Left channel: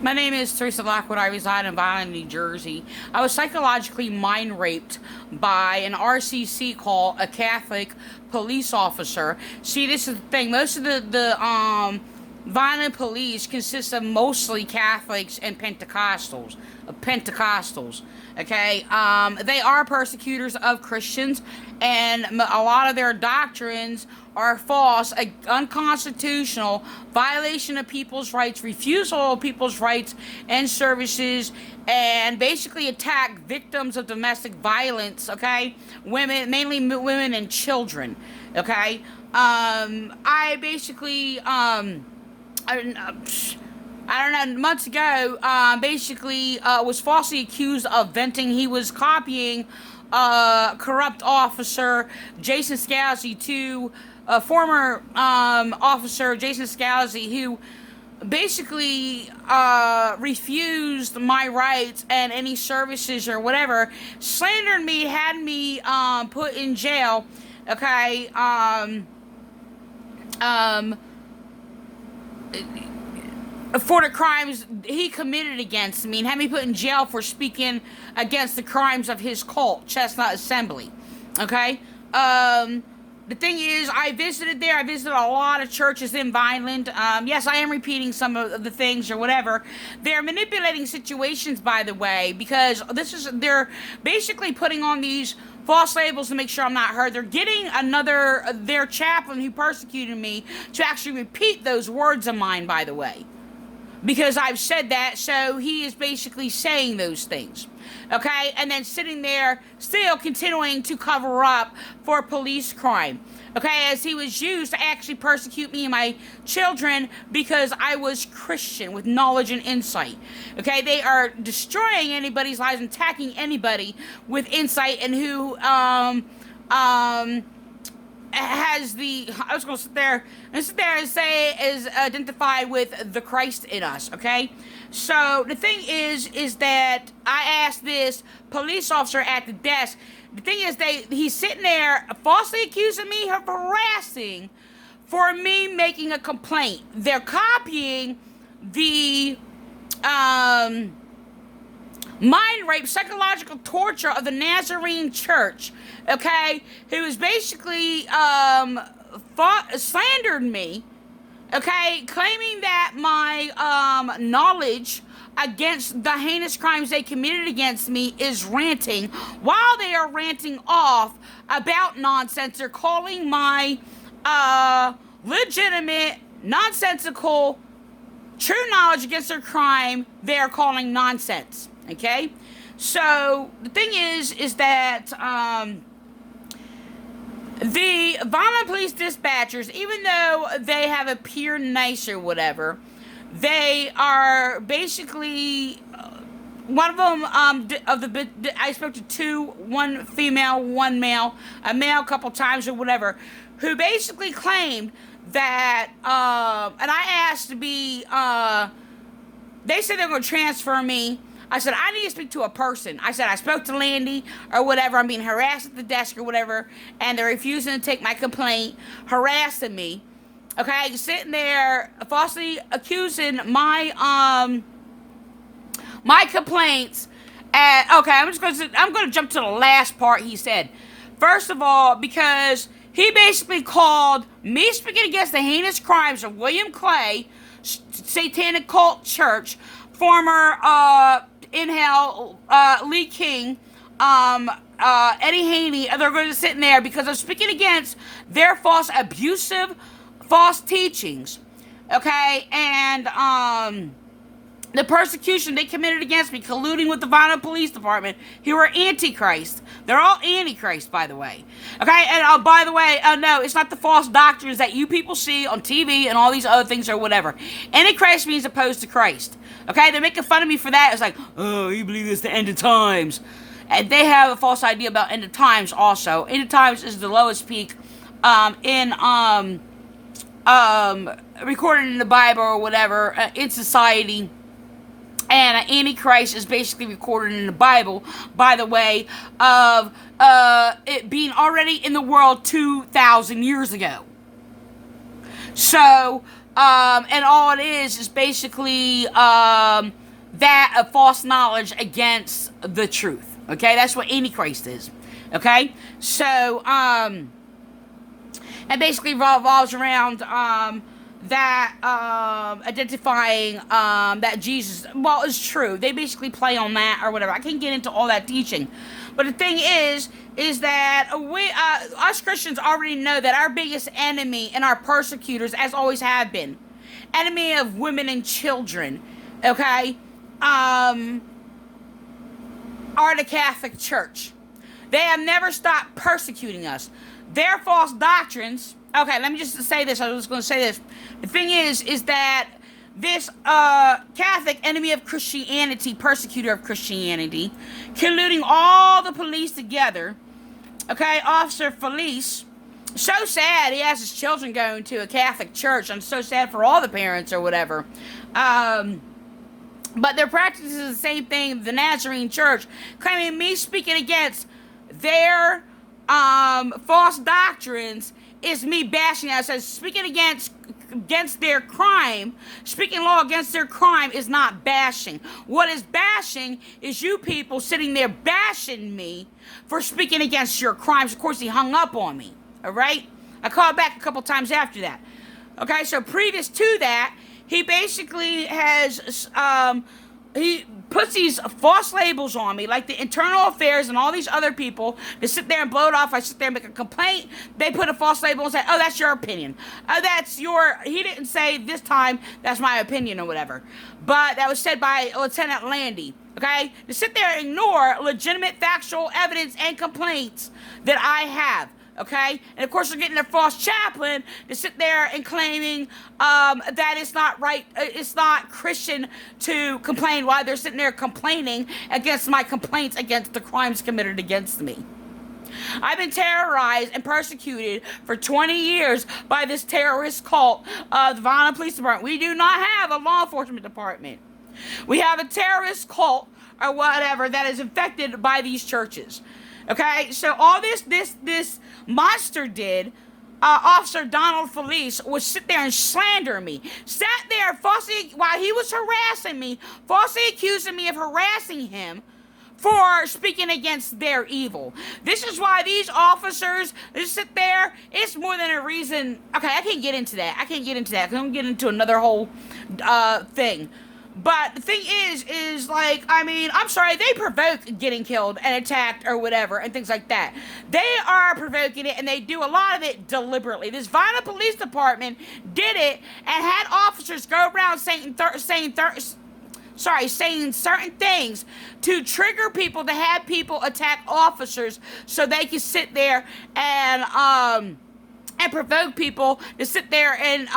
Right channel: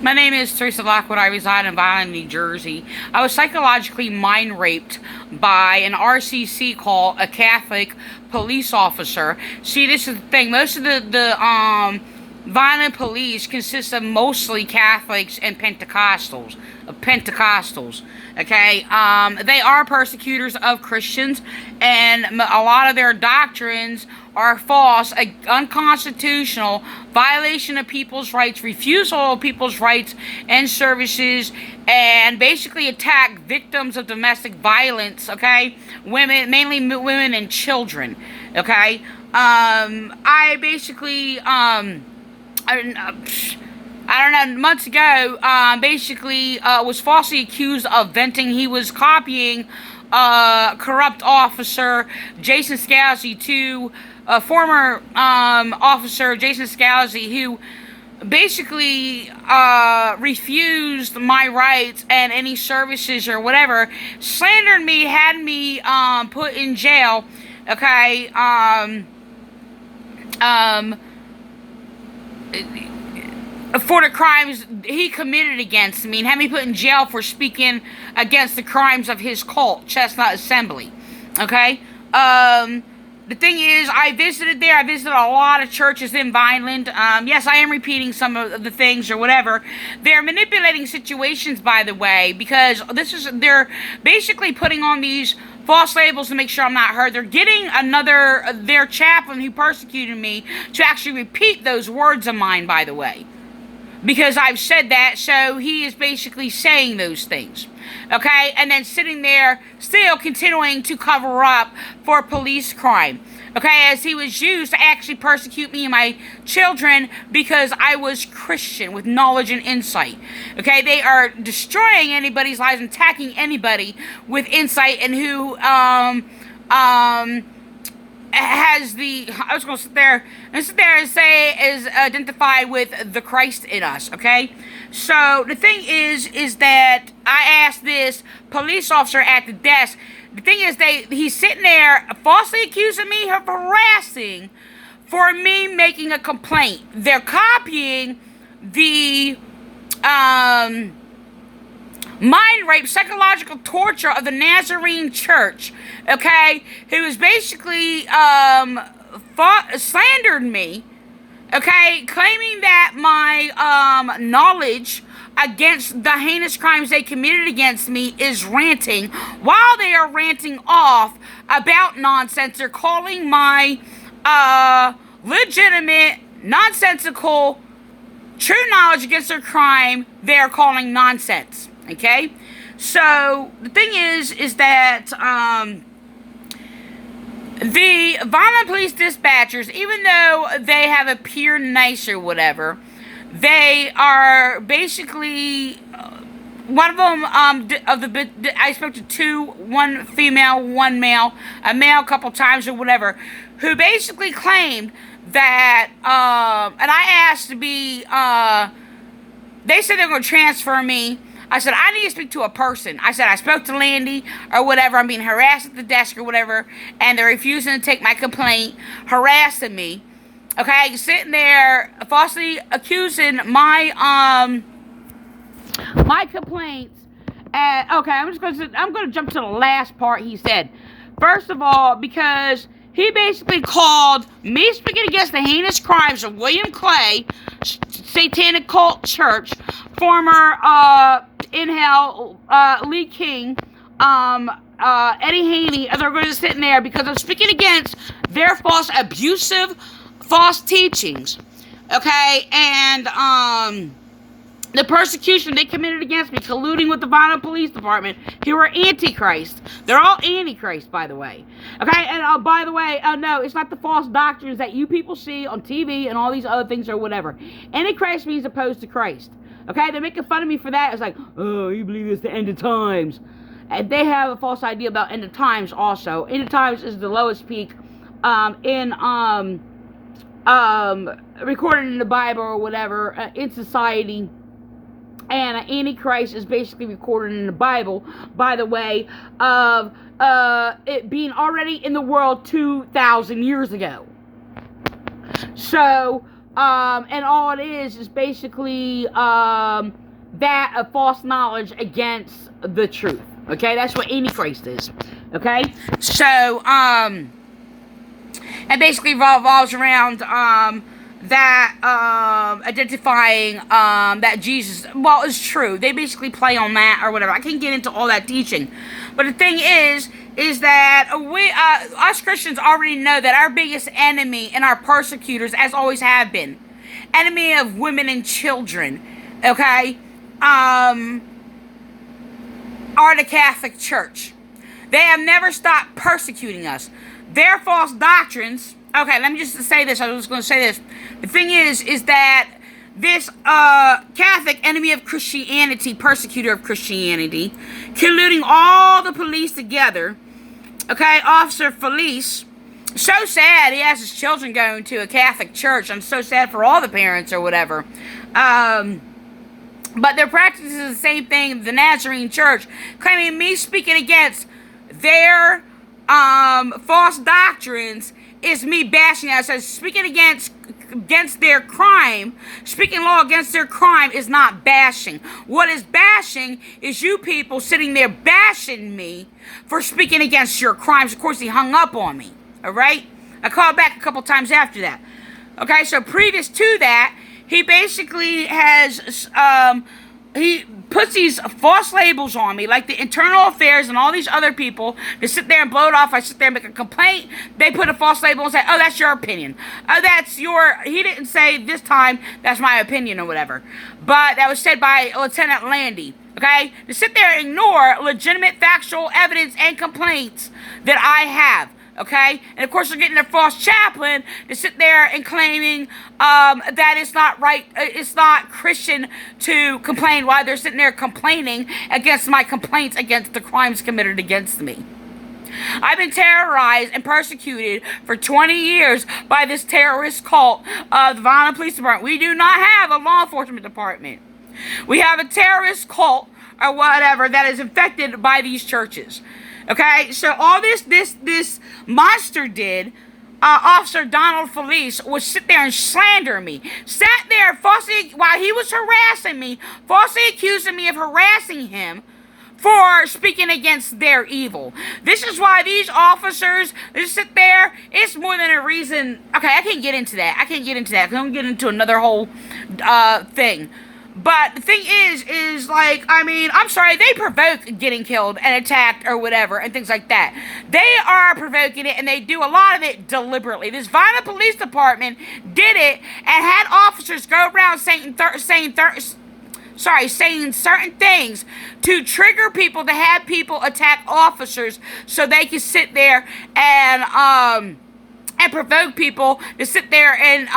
My name is Teresa Lockwood. I reside in Vineland, New Jersey. I was psychologically mind raped by an RCC called a Catholic police officer. See, this is the thing. Most of the Vineland police consists of mostly Catholics and Pentecostals. Okay, they are persecutors of Christians, and a lot of their doctrines are false, unconstitutional, violation of people's rights, refusal of people's rights and services, and basically attack victims of domestic violence. Okay, women, mainly women and children. Okay, I basically I don't know, months ago, was falsely accused of venting. He was copying corrupt officer Jason Scalzi to former officer Jason Scalzi, who basically refused my rights and any services or whatever, slandered me, had me put in jail. Okay, for the crimes he committed against me, and had me put in jail for speaking against the crimes of his cult, Chestnut Assembly. Okay? The thing is, I visited there. I visited a lot of churches in Vineland. Yes, I am repeating some of the things or whatever. They're manipulating situations, by the way, because they're basically putting on these false labels to make sure I'm not heard. They're getting their chaplain who persecuted me to actually repeat those words of mine, by the way. Because I've said that, so he is basically saying those things. Okay? And then sitting there, still continuing to cover up for police crime. Okay? As he was used to actually persecute me and my children because I was Christian with knowledge and insight. Okay? They are destroying anybody's lives and attacking anybody with insight and who, has I was going to sit there and say is identified with the Christ in us, okay? So the thing is that I asked this police officer at the desk. The thing is, he's sitting there falsely accusing me of harassing for me making a complaint. They're copying the mind rape, psychological torture of the Nazarene Church, okay, who is basically slandered me, okay, claiming that my knowledge against the heinous crimes they committed against me is ranting. While they are ranting off about nonsense, they're calling my legitimate, nonsensical, true knowledge against their crime, they're calling nonsense. Okay? So, the thing is that, the Vineland Police dispatchers, even though they have appeared nice or whatever, they are basically, one of them, I spoke to two, one female, one male, a male a couple times or whatever, who basically claimed that, and I asked to be, they said they were going to transfer me. I said, I need to speak to a person. I said, I spoke to Landy or whatever. I'm being harassed at the desk or whatever. And they're refusing to take my complaint, harassing me. Okay, sitting there falsely accusing my complaints. And okay, I'm going to jump to the last part he said. First of all, because he basically called me speaking against the heinous crimes of William Clay, Satanic Cult Church, former in hell Lee King, Eddie Haney. They're going to sit in there because I'm speaking against their false, abusive, false teachings. Okay, and the persecution they committed against me, colluding with the Vineland Police Department, who are Antichrist. They're all Antichrist, by the way. Okay, and by the way, no, it's not the false doctrines that you people see on TV and all these other things or whatever. Antichrist means opposed to Christ. Okay, they're making fun of me for that. It's like, oh, you believe it's the end of times. And they have a false idea about end of times also. End of times is the lowest peak recorded in the Bible or whatever, in society. And Antichrist is basically recorded in the Bible, by the way, of it being already in the world 2,000 years ago. So, And all it is basically that of false knowledge against the truth. Okay, that's what Antichrist is. Okay, so it basically revolves around that identifying that Jesus, well, is true. They basically play on that or whatever. I can't get into all that teaching, but the thing is that we, us Christians already know that our biggest enemy and our persecutors, as always have been, enemy of women and children, okay, are the Catholic Church. They have never stopped persecuting us. Their false doctrines. Okay, let me just say this. I was going to say this. The thing is that this Catholic enemy of Christianity, persecutor of Christianity, colluding all the police together. Okay, Officer Felice. So sad he has his children going to a Catholic church. I'm so sad for all the parents or whatever. But they're practicing the same thing, the Nazarene Church, claiming me speaking against their false doctrines is me bashing us. As speaking against their crime, speaking law against their crime is not bashing. What is bashing is you people sitting there bashing me for speaking against your crimes. Of course, he hung up on me. All right? I called back a couple times after that. Okay, so previous to that, he basically has, he puts these false labels on me, like the internal affairs and all these other people to sit there and blow it off. I sit there and make a complaint. They put a false label and say, oh, that's your opinion. Oh, that's your, he didn't say this time, that's my opinion or whatever. But that was said by Lieutenant Landy. Okay? To sit there and ignore legitimate factual evidence and complaints that I have. Okay? And of course, they're getting their false chaplain to sit there and claiming that it's not right, it's not Christian to complain while they're sitting there complaining against my complaints against the crimes committed against me. I've been terrorized and persecuted for 20 years by this terrorist cult of the Vineland Police Department. We do not have a law enforcement department. We have a terrorist cult or whatever that is infected by these churches. Okay, so all this monster did, Officer Donald Felice, was sit there and slander me. Sat there falsely, while he was harassing me, falsely accusing me of harassing him for speaking against their evil. This is why these officers, they sit there, it's more than a reason. Okay, I can't get into that. I can't get into that. I can get into another whole thing. But the thing is like, I mean, I'm sorry, they provoke getting killed and attacked or whatever and things like that. They are provoking it, and they do a lot of it deliberately. This Vineland Police Department did it and had officers go around saying certain things to trigger people, to have people attack officers so they can sit there and provoke people to sit there and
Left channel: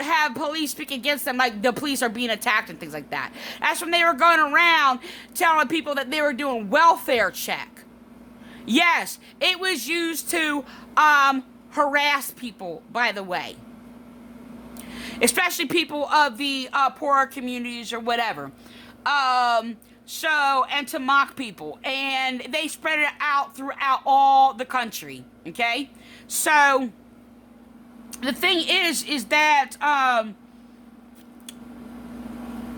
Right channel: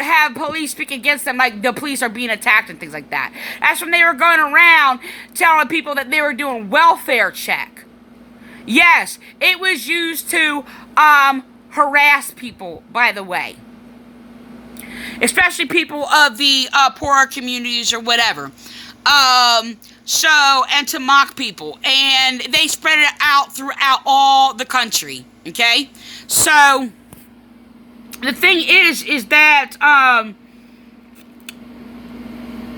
have police speak against them, like the police are being attacked and things like that. That's when they were going around telling people that they were doing welfare check. Yes, it was used to harass people, by the way. Especially people of the poorer communities or whatever. And to mock people. And they spread it out throughout all the country. Okay? So the thing is that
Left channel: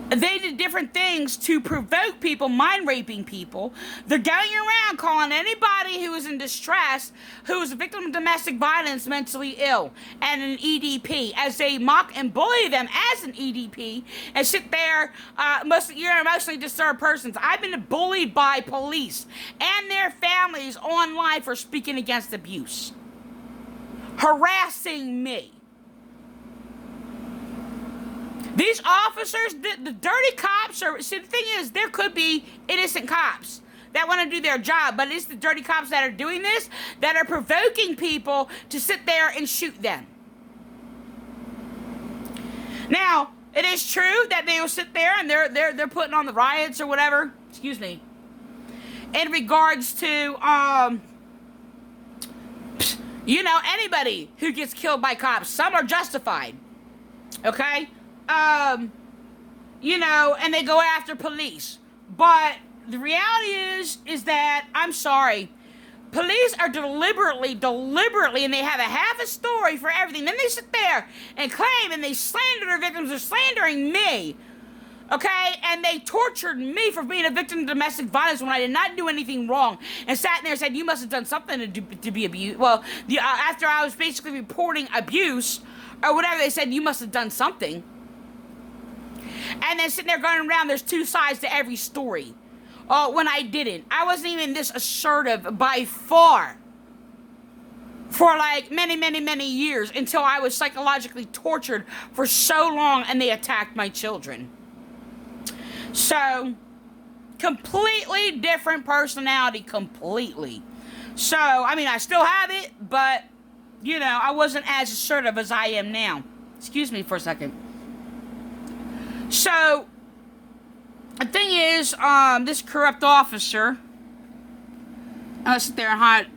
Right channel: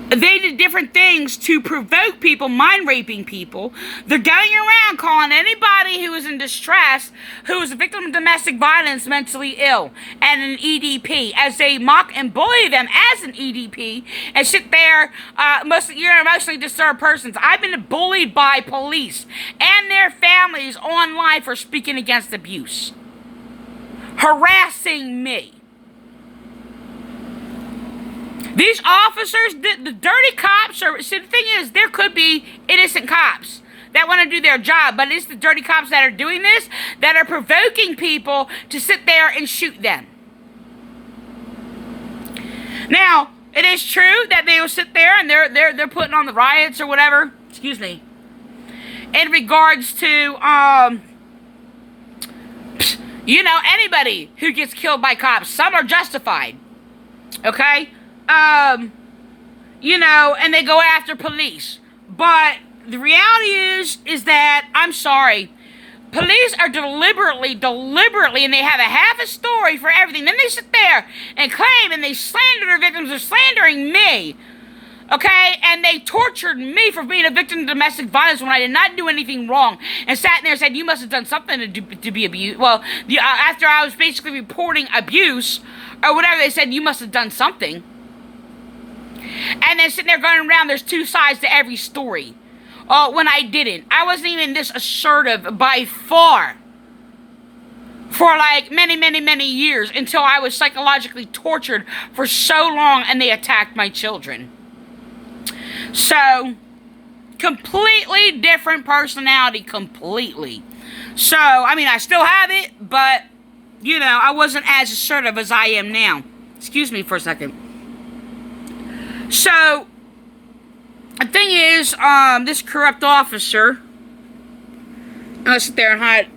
they did different things to provoke people, mind raping people. They're going around calling anybody who is in distress, who is a victim of domestic violence, mentally ill, and an EDP, as they mock and bully them as an EDP, and sit there, you're emotionally disturbed persons. I've been bullied by police and their families online for speaking against abuse, harassing me. These officers, the dirty cops are, see, the thing is, there could be innocent cops that want to do their job, but it's the dirty cops that are doing this, that are provoking people to sit there and shoot them. Now, it is true that they will sit there and they're putting on the riots or whatever, excuse me, in regards to, anybody who gets killed by cops. Some are justified, okay? And they go after police. But the reality is that, I'm sorry, Police are deliberately, and they have a half a story for everything. Then they sit there and claim and they slander their victims. They're slandering me. Okay? And they tortured me for being a victim of domestic violence when I did not do anything wrong. And sat there and said, you must have done something to be abused. Well, after I was basically reporting abuse or whatever, they said, you must have done something. And then sitting there going around, there's two sides to every story. When I didn't. I wasn't even this assertive by far for like many, many, many years until I was psychologically tortured for so long and they attacked my children. So, completely different personality, completely. So, I mean, I still have it, but, you know, I wasn't as assertive as I am now. Excuse me for a second. So, the thing is, this corrupt officer, I'm gonna sit there and hide.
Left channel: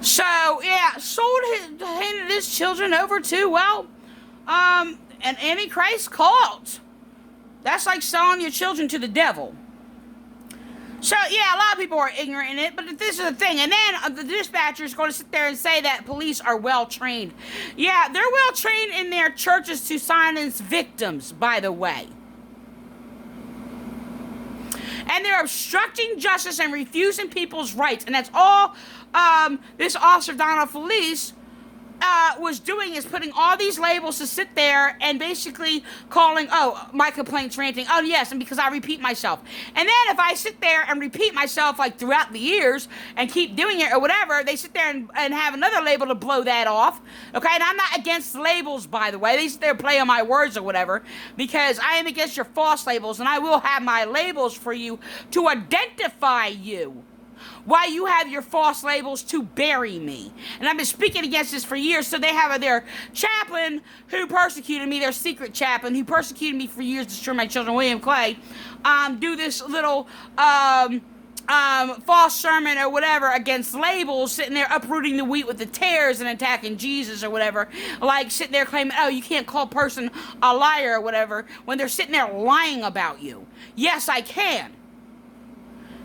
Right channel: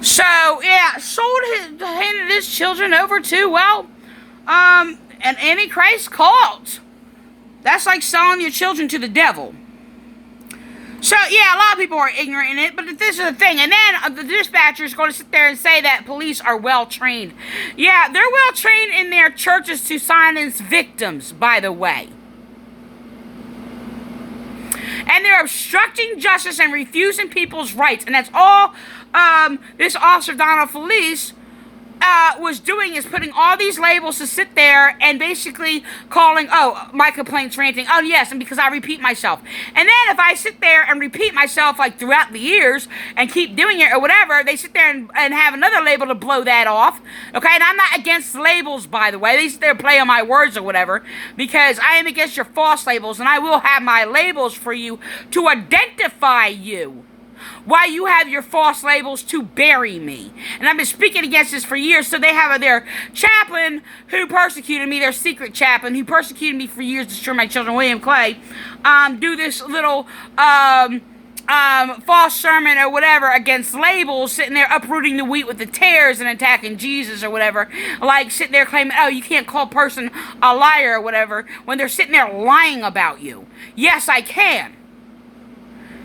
So, yeah, handed his children over to, well, an Antichrist cult. That's like selling your children to the devil. So, yeah, a lot of people are ignorant in it, but this is the thing. And then the dispatcher is going to sit there and say that police are well-trained. Yeah, they're well-trained in their churches to silence victims, by the way. And they're obstructing justice and refusing people's rights. And that's all this officer, Felice, was doing, is putting all these labels to sit there and basically calling, my complaints ranting. Oh, yes, and because I repeat myself. And then if I sit there and repeat myself, like, throughout the years and keep doing it or whatever, they sit there and have another label to blow that off. Okay, and I'm not against labels, by the way. They sit there and play on my words or whatever, because I am against your false labels, and I will have my labels for you to identify you, while you have your false labels to bury me. And I've been speaking against this for years. So they have their chaplain who persecuted me, their secret chaplain who persecuted me for years, destroyed my children, William Clay, do this little false sermon or whatever against labels, sitting there uprooting the wheat with the tares and attacking Jesus or whatever. Like sitting there claiming, oh, you can't call a person a liar or whatever when they're sitting there lying about you. Yes, I can.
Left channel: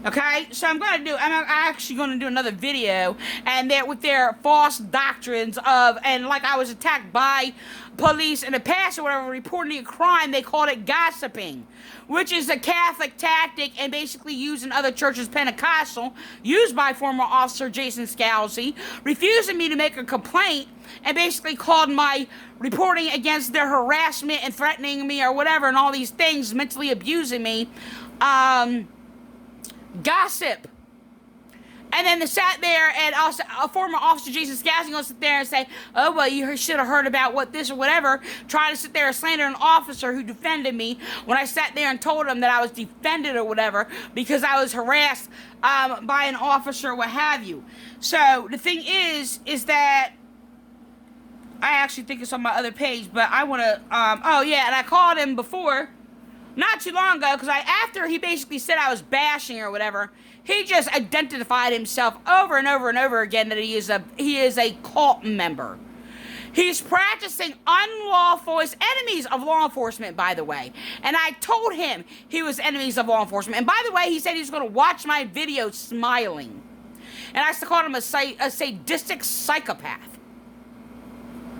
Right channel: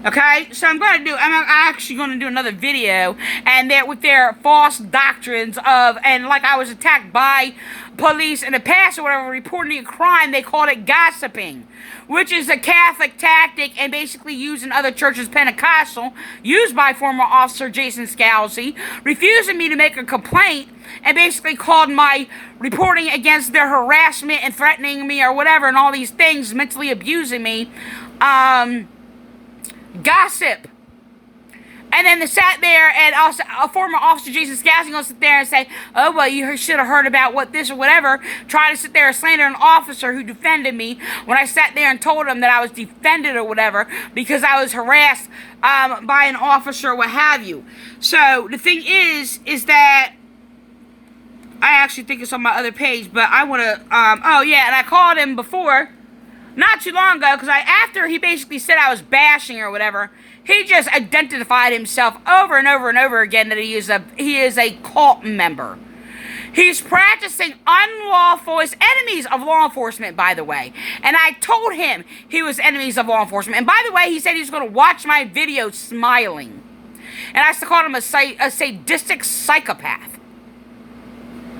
Okay, so I'm actually going to do another video, and that with their false doctrines of, and like I was attacked by police in the past or whatever, reporting a crime, they called it gossiping, which is a Catholic tactic and basically used in other churches, Pentecostal, used by former officer Jason Scalzi, refusing me to make a complaint, and basically called my reporting against their harassment and threatening me or whatever, and all these things, mentally abusing me, gossip. And then they sat there, and also a former officer, Jason Scalzi, going to sit there and say, oh, well, you should have heard about what this or whatever, try to sit there and slander an officer who defended me when I sat there and told him that I was defended or whatever because I was harassed by an officer or what have you. So the thing is that I actually think it's on my other page, but I want to, and I called him before, not too long ago, because after he basically said I was bashing or whatever, he just identified himself over and over and over again that he is a cult member. He's practicing unlawful, is enemies of law enforcement, by the way. And I told him he was enemies of law enforcement. And by the way, he said he's going to watch my video smiling. And I called him a sadistic psychopath.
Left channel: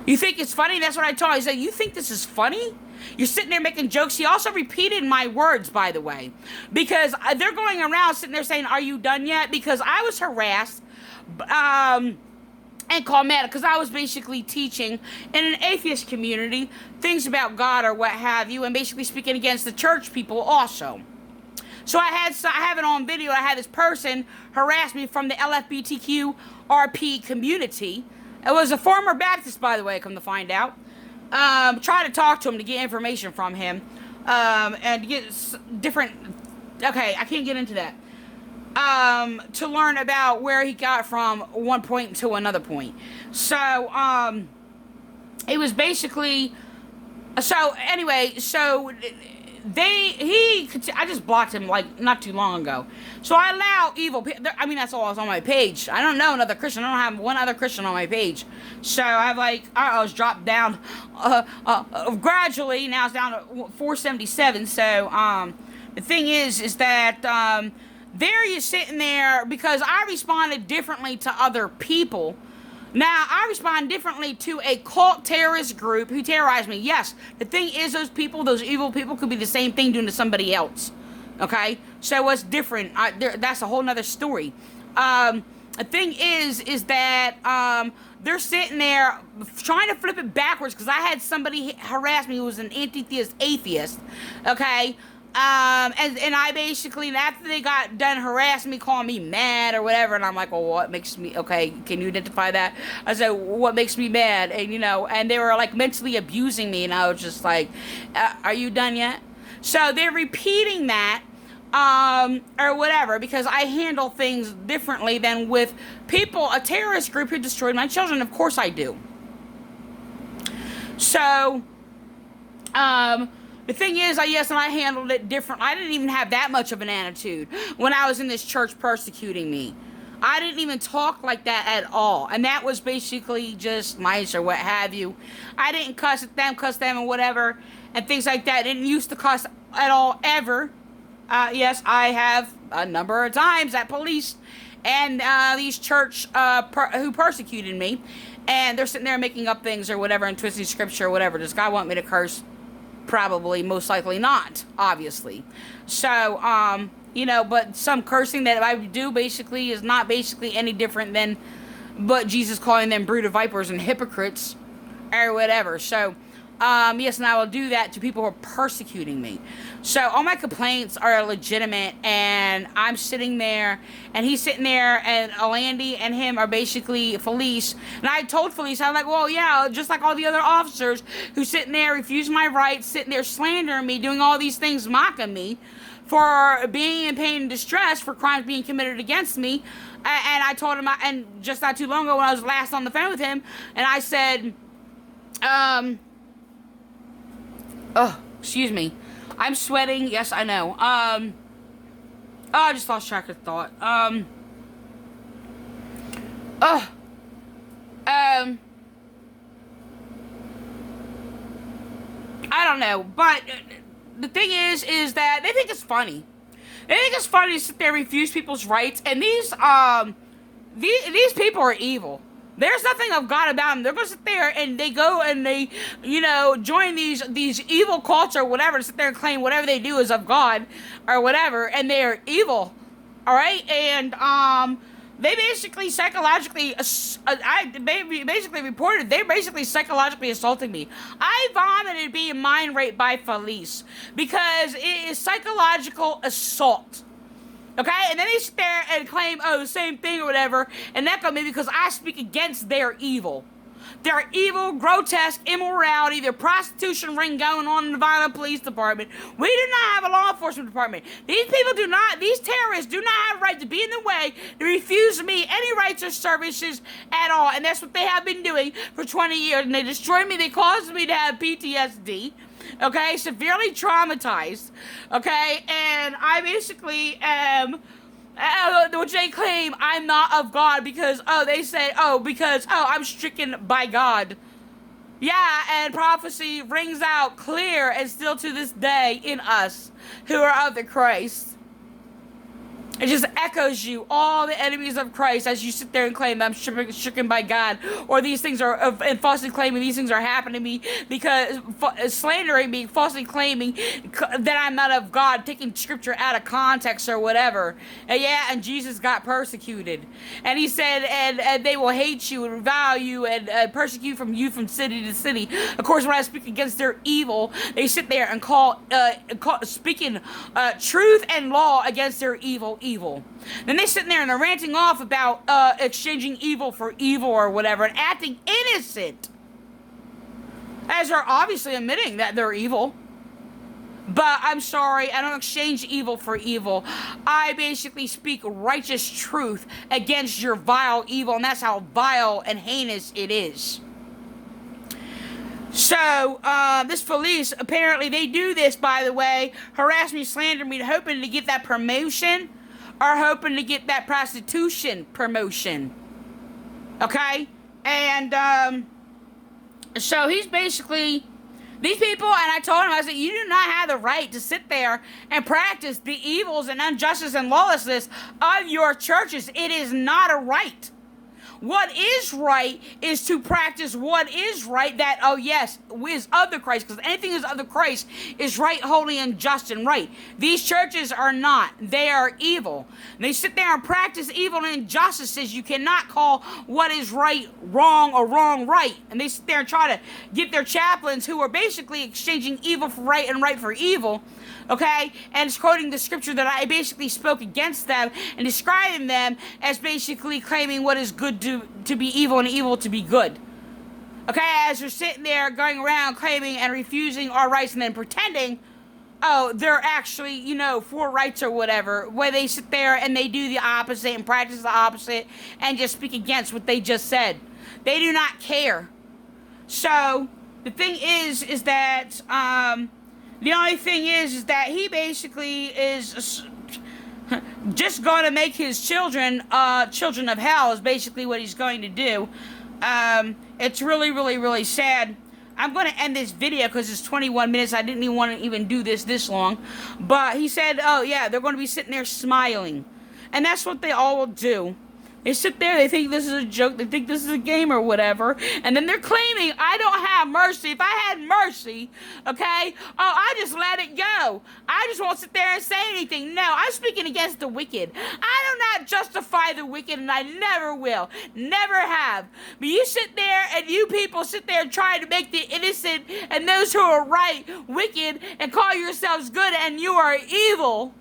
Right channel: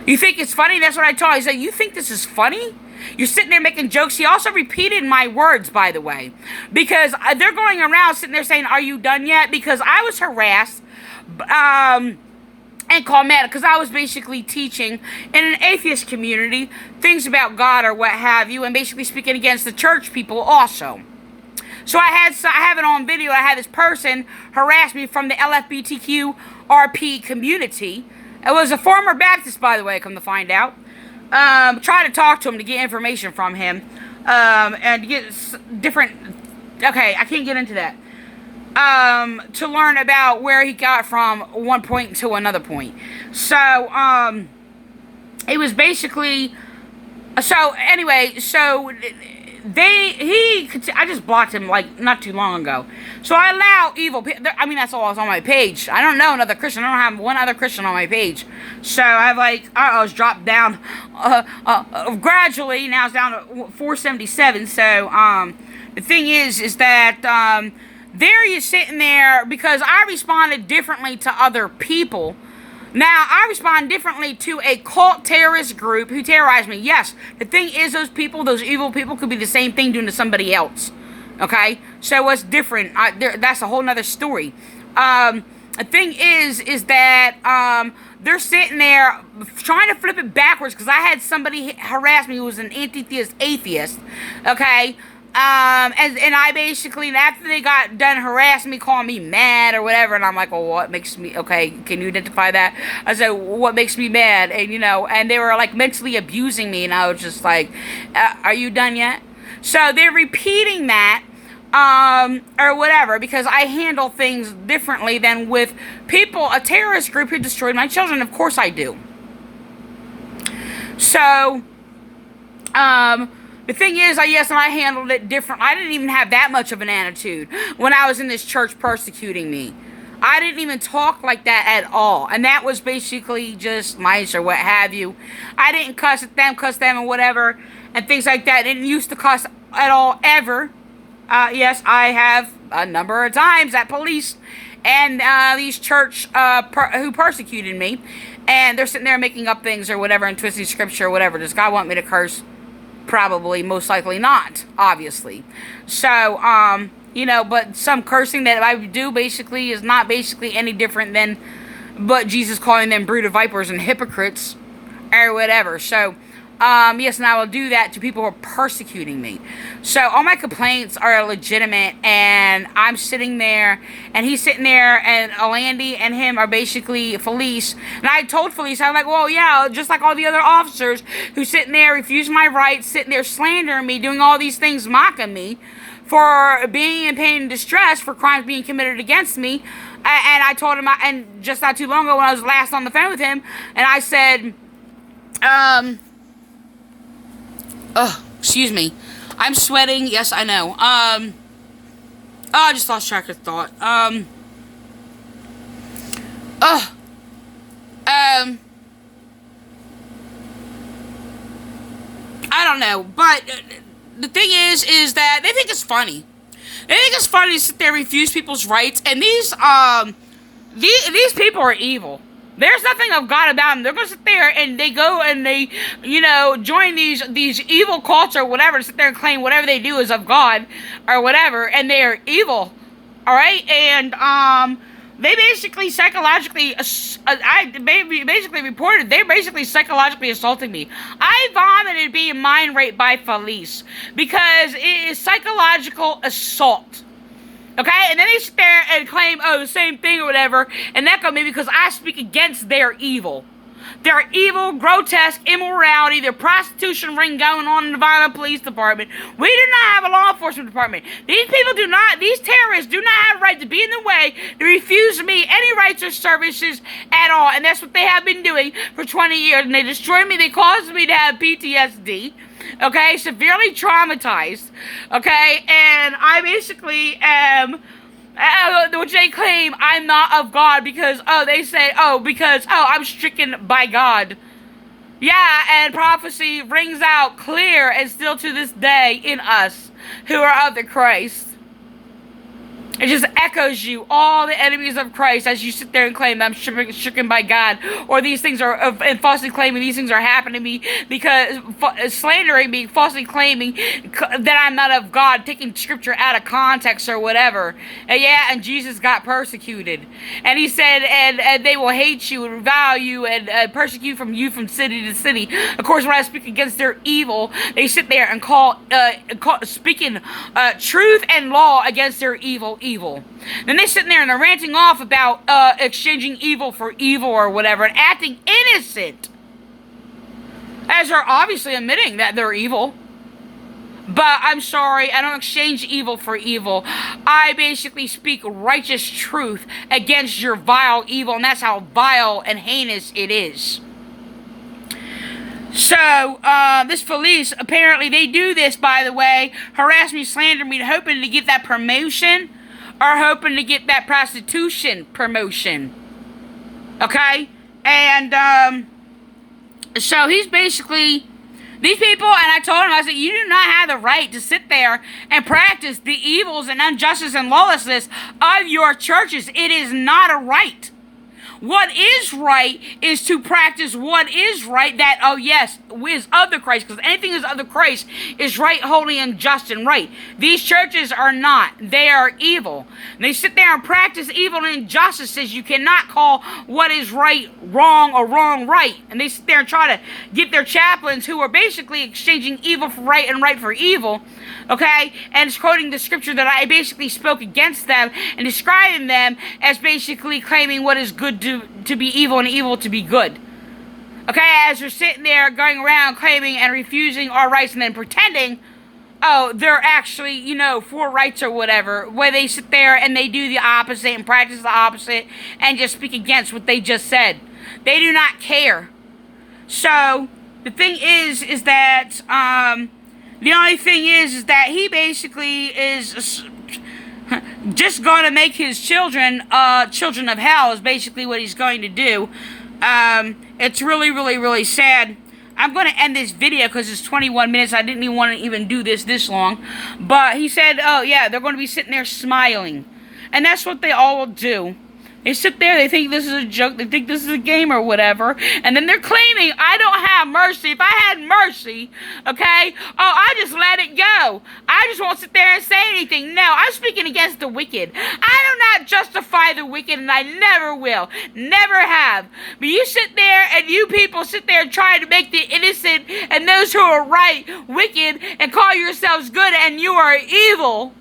You think it's funny? That's what I told him. He said, you think this is funny? You're sitting there making jokes. He also repeated my words, by the way, because they're going around sitting there saying, are you done yet? Because I was harassed and called mad because I was basically teaching in an atheist community things about God or what have you, and basically speaking against the church people also. So I have it on video. I had this person harass me from the LGBTQRP community. It was a former Baptist, by the way, come to find out. Try to talk to him to get information from him, and get different, okay, I can't get into that, to learn about where he got from one point to another point. So, it was basically, so anyway, so I just blocked him like not too long ago. So I allow evil people. I mean, that's all that's on my page. I don't know another Christian. I don't have one other Christian on my page. So I have like, I was dropped down gradually. Now it's down to 477. So the thing is that there you're sitting there because I responded differently to other people. Now, I respond differently to a cult terrorist group who terrorized me. Yes, the thing is those people, those evil people, could be the same thing doing to somebody else. Okay? So what's different? That's a whole nother story. The thing is that they're sitting there trying to flip it backwards because I had somebody harass me who was an anti-theist atheist. Okay? And I basically, after they got done harassing me, calling me mad or whatever, and I'm like, well, what makes me, okay, can you identify that? I said, what makes me mad? And, and they were, like, mentally abusing me, and I was just like, are you done yet? So they're repeating that, or whatever, because I handle things differently than with people, a terrorist group who destroyed my children. Of course I do. So, the thing is, and I handled it different. I didn't even have that much of an attitude when I was in this church persecuting me. I didn't even talk like that at all. And that was basically just mice or what have you. I didn't cuss them, and whatever, and things like that. I didn't used to cuss at all, ever. Yes, I have a number of times at police and these church who persecuted me. And they're sitting there making up things or whatever and twisting scripture or whatever. Does God want me to curse? Probably, most likely not, obviously. So, but some cursing that I do basically is not basically any different than but Jesus calling them brood of vipers and hypocrites or whatever. So, yes, and I will do that to people who are persecuting me. So all my complaints are legitimate, and I'm sitting there, and he's sitting there, and Alandy and him are basically Felice. And I told Felice, I'm like, well, yeah, just like all the other officers who sitting there, refusing my rights, sitting there slandering me, doing all these things, mocking me for being in pain and distress, for crimes being committed against me. And I told him, and just not too long ago when I was last on the phone with him, and I said, excuse me. I'm sweating. Yes, I know. I just lost track of thought. I don't know. But the thing is that they think it's funny. They think it's funny to sit there and refuse people's rights. And these people are evil. There's nothing of God about them. They're going to sit there and they go and they, join these evil cults or whatever, sit there and claim whatever they do is of God or whatever, and they are evil. All right? And they basically psychologically, basically reported, they're basically psychologically assaulting me. I vomited being mind raped by Felice because it is psychological assault. Okay, and then they sit there and claim, the same thing or whatever, and echo me because I speak against their evil. Their evil, grotesque immorality, their prostitution ring going on in the Vineland Police Department. We do not have a law enforcement department. These terrorists do not have a right to be in the way, to refuse me any rights or services at all, and that's what they have been doing for 20 years, and they destroyed me, they caused me to have PTSD. Okay, severely traumatized. Okay, and I basically am, which they claim I'm not of God because, I'm stricken by God. Yeah, and prophecy rings out clear and still to this day in us who are of the Christ. It just echoes you, all the enemies of Christ, as you sit there and claim I'm stricken by God, or these things are, and falsely claiming these things are happening to me because, slandering me, falsely claiming that I'm not of God, taking scripture out of context or whatever. And Jesus got persecuted. And he said, and they will hate you and revile you and persecute from city to city. Of course, when I speak against their evil, they sit there and speaking truth and law against their evil. Then they're sitting there and they're ranting off about exchanging evil for evil or whatever and acting innocent, as they're obviously admitting that they're evil. But I'm sorry, I don't exchange evil for evil. I basically speak righteous truth against your vile evil, and that's how vile and heinous it is. So, this Felice, apparently they do this, by the way, harass me, slander me, hoping to get that promotion or hoping to get that prostitution promotion. Okay? And, so he's basically, these people, and I told him, I said, you do not have the right to sit there and practice the evils and injustice and lawlessness of your churches. It is not a right. What is right is to practice what is right, that, oh yes, is of the Christ, because anything is of the Christ is right, holy, and just and right. These churches are not. They are evil. They sit there and practice evil and injustices. You cannot call what is right wrong or wrong right. And they sit there and try to get their chaplains, who are basically exchanging evil for right and right for evil, okay, and it's quoting the scripture that I basically spoke against them and describing them as basically claiming what is good to be evil and evil to be good. Okay, as they're sitting there going around claiming and refusing our rights and then pretending, oh, they're actually, you know, for rights or whatever, where they sit there and they do the opposite and practice the opposite and just speak against what they just said. They do not care. So, the thing is that, the only thing is that he basically is just going to make his children, children of hell is basically what he's going to do. It's really, really, really sad. I'm going to end this video because it's 21 minutes. I didn't even want to even do this long. But he said, oh yeah, they're going to be sitting there smiling. And that's what they all will do. They sit there, they think this is a joke, they think this is a game or whatever, and then they're claiming, I don't have mercy. If I had mercy, okay, oh, I just let it go. I just won't sit there and say anything. No, I'm speaking against the wicked. I do not justify the wicked, and I never will. Never have. But you sit there, and you people sit there and try to make the innocent and those who are right wicked, and call yourselves good, and you are evil.